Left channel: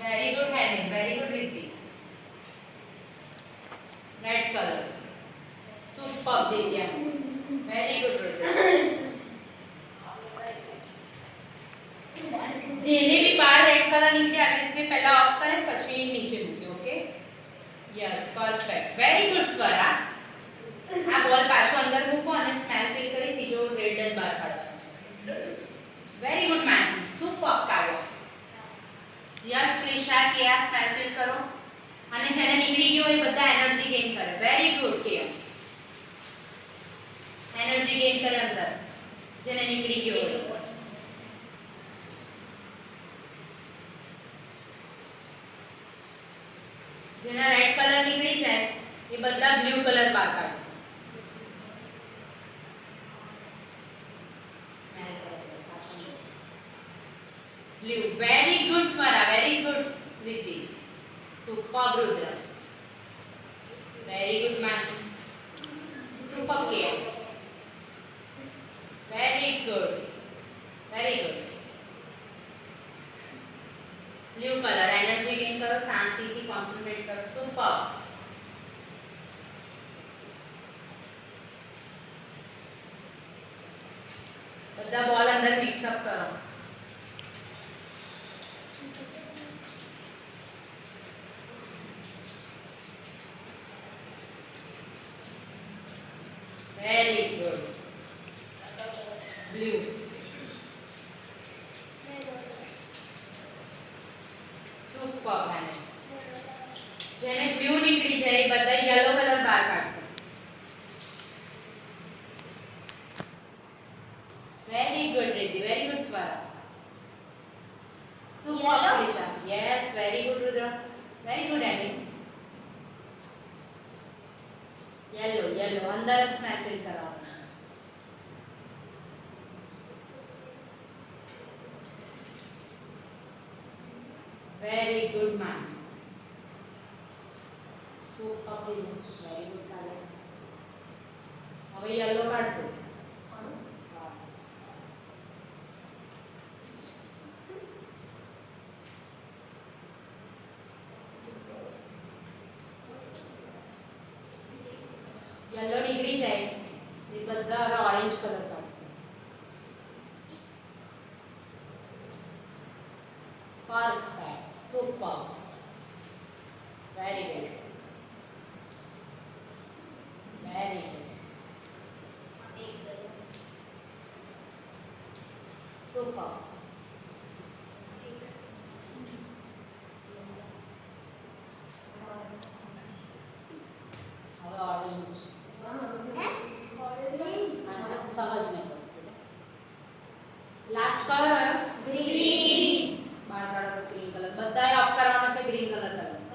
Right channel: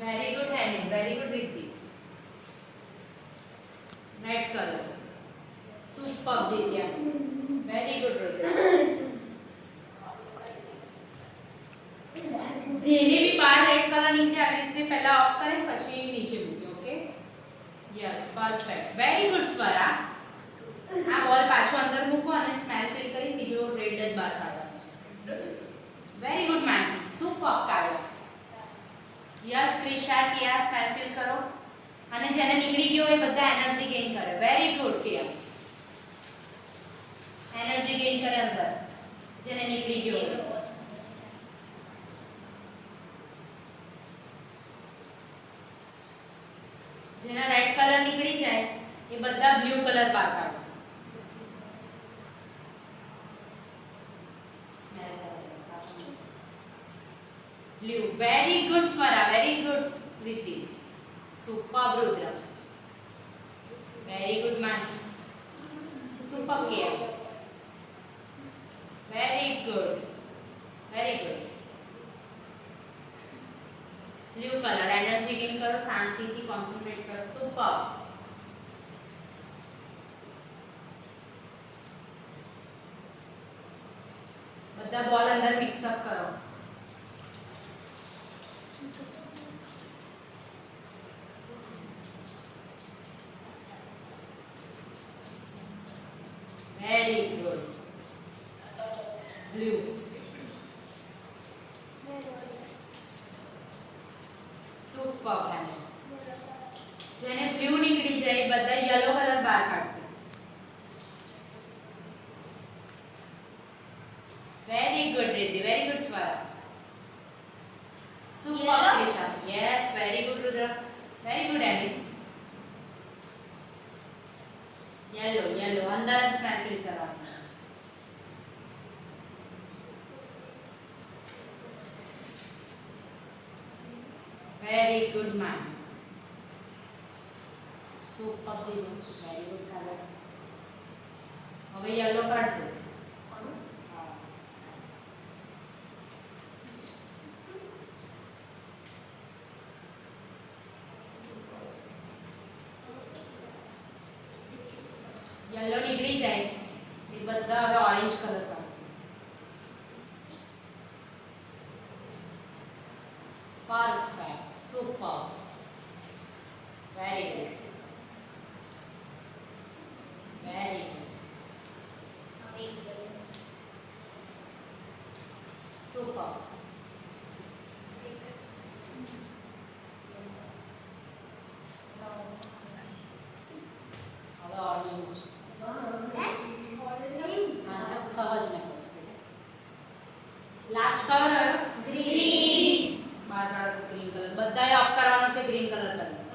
Very good, Henry. Very good, Riddhi. Red color. Superb, Divya. Very good, Riddhi. જેને બી બાર red colour નીકળે આવી રીતે પહેલા ઓફ કરે પછી નીચે મૂક્યો okay yes perfect very good Swara આ બોલ પાછો અંદર મૂકો અને સ્મેલ ફીલ કરી બીજો રેડ જ બહાર કાઢવાનો છે વેરી ગુડ મેન સુપર કાઢો યસ ક્રિશા કે આ સ્મેલ ફીલ કરો અને જેને નીકળી ગયો એ બધા એનર્જી ગેઇન કરે વેરી ગુડ કે એનર્જી ગેઇન કરે અંદર જેને નીકળી ગયો જેના રેડ કલર નીકળી જાય એ બધા બ્લુ કલર બહાર કાઢશે blue very good Swara very good રીતિ સુપર રુદ્ર વેરી ગુડ માન સુપર કે very good blue colour energy gain કરો શાંતિથી કોન્સન્ટ્રેટ કરો સુપર બધા બોલ અંદર મિક્સ અપ કરો વેરી ગુડ બ્લુ સુપર અને જેને બ્લુ નીકળી જાય બધા યલો કલર બહાર કાઢશે very good Riti very good Swara super Krisha yes very good Rudra very good Ami yellow અંદર સ્મેલ ફીલ કરવાનું very good man super good very good color હવે yellow કાઢ દો yellow નીકળી જાય એ બધા હવે orange કલર કાઢશે perfect super very good super હવે orange સમજ ને લાસ્ટ કલર ગ્રીન બાર ગ્રીન કલર બધાએ અપ કરવાનો છે ગ્રીન કલર કરવાનો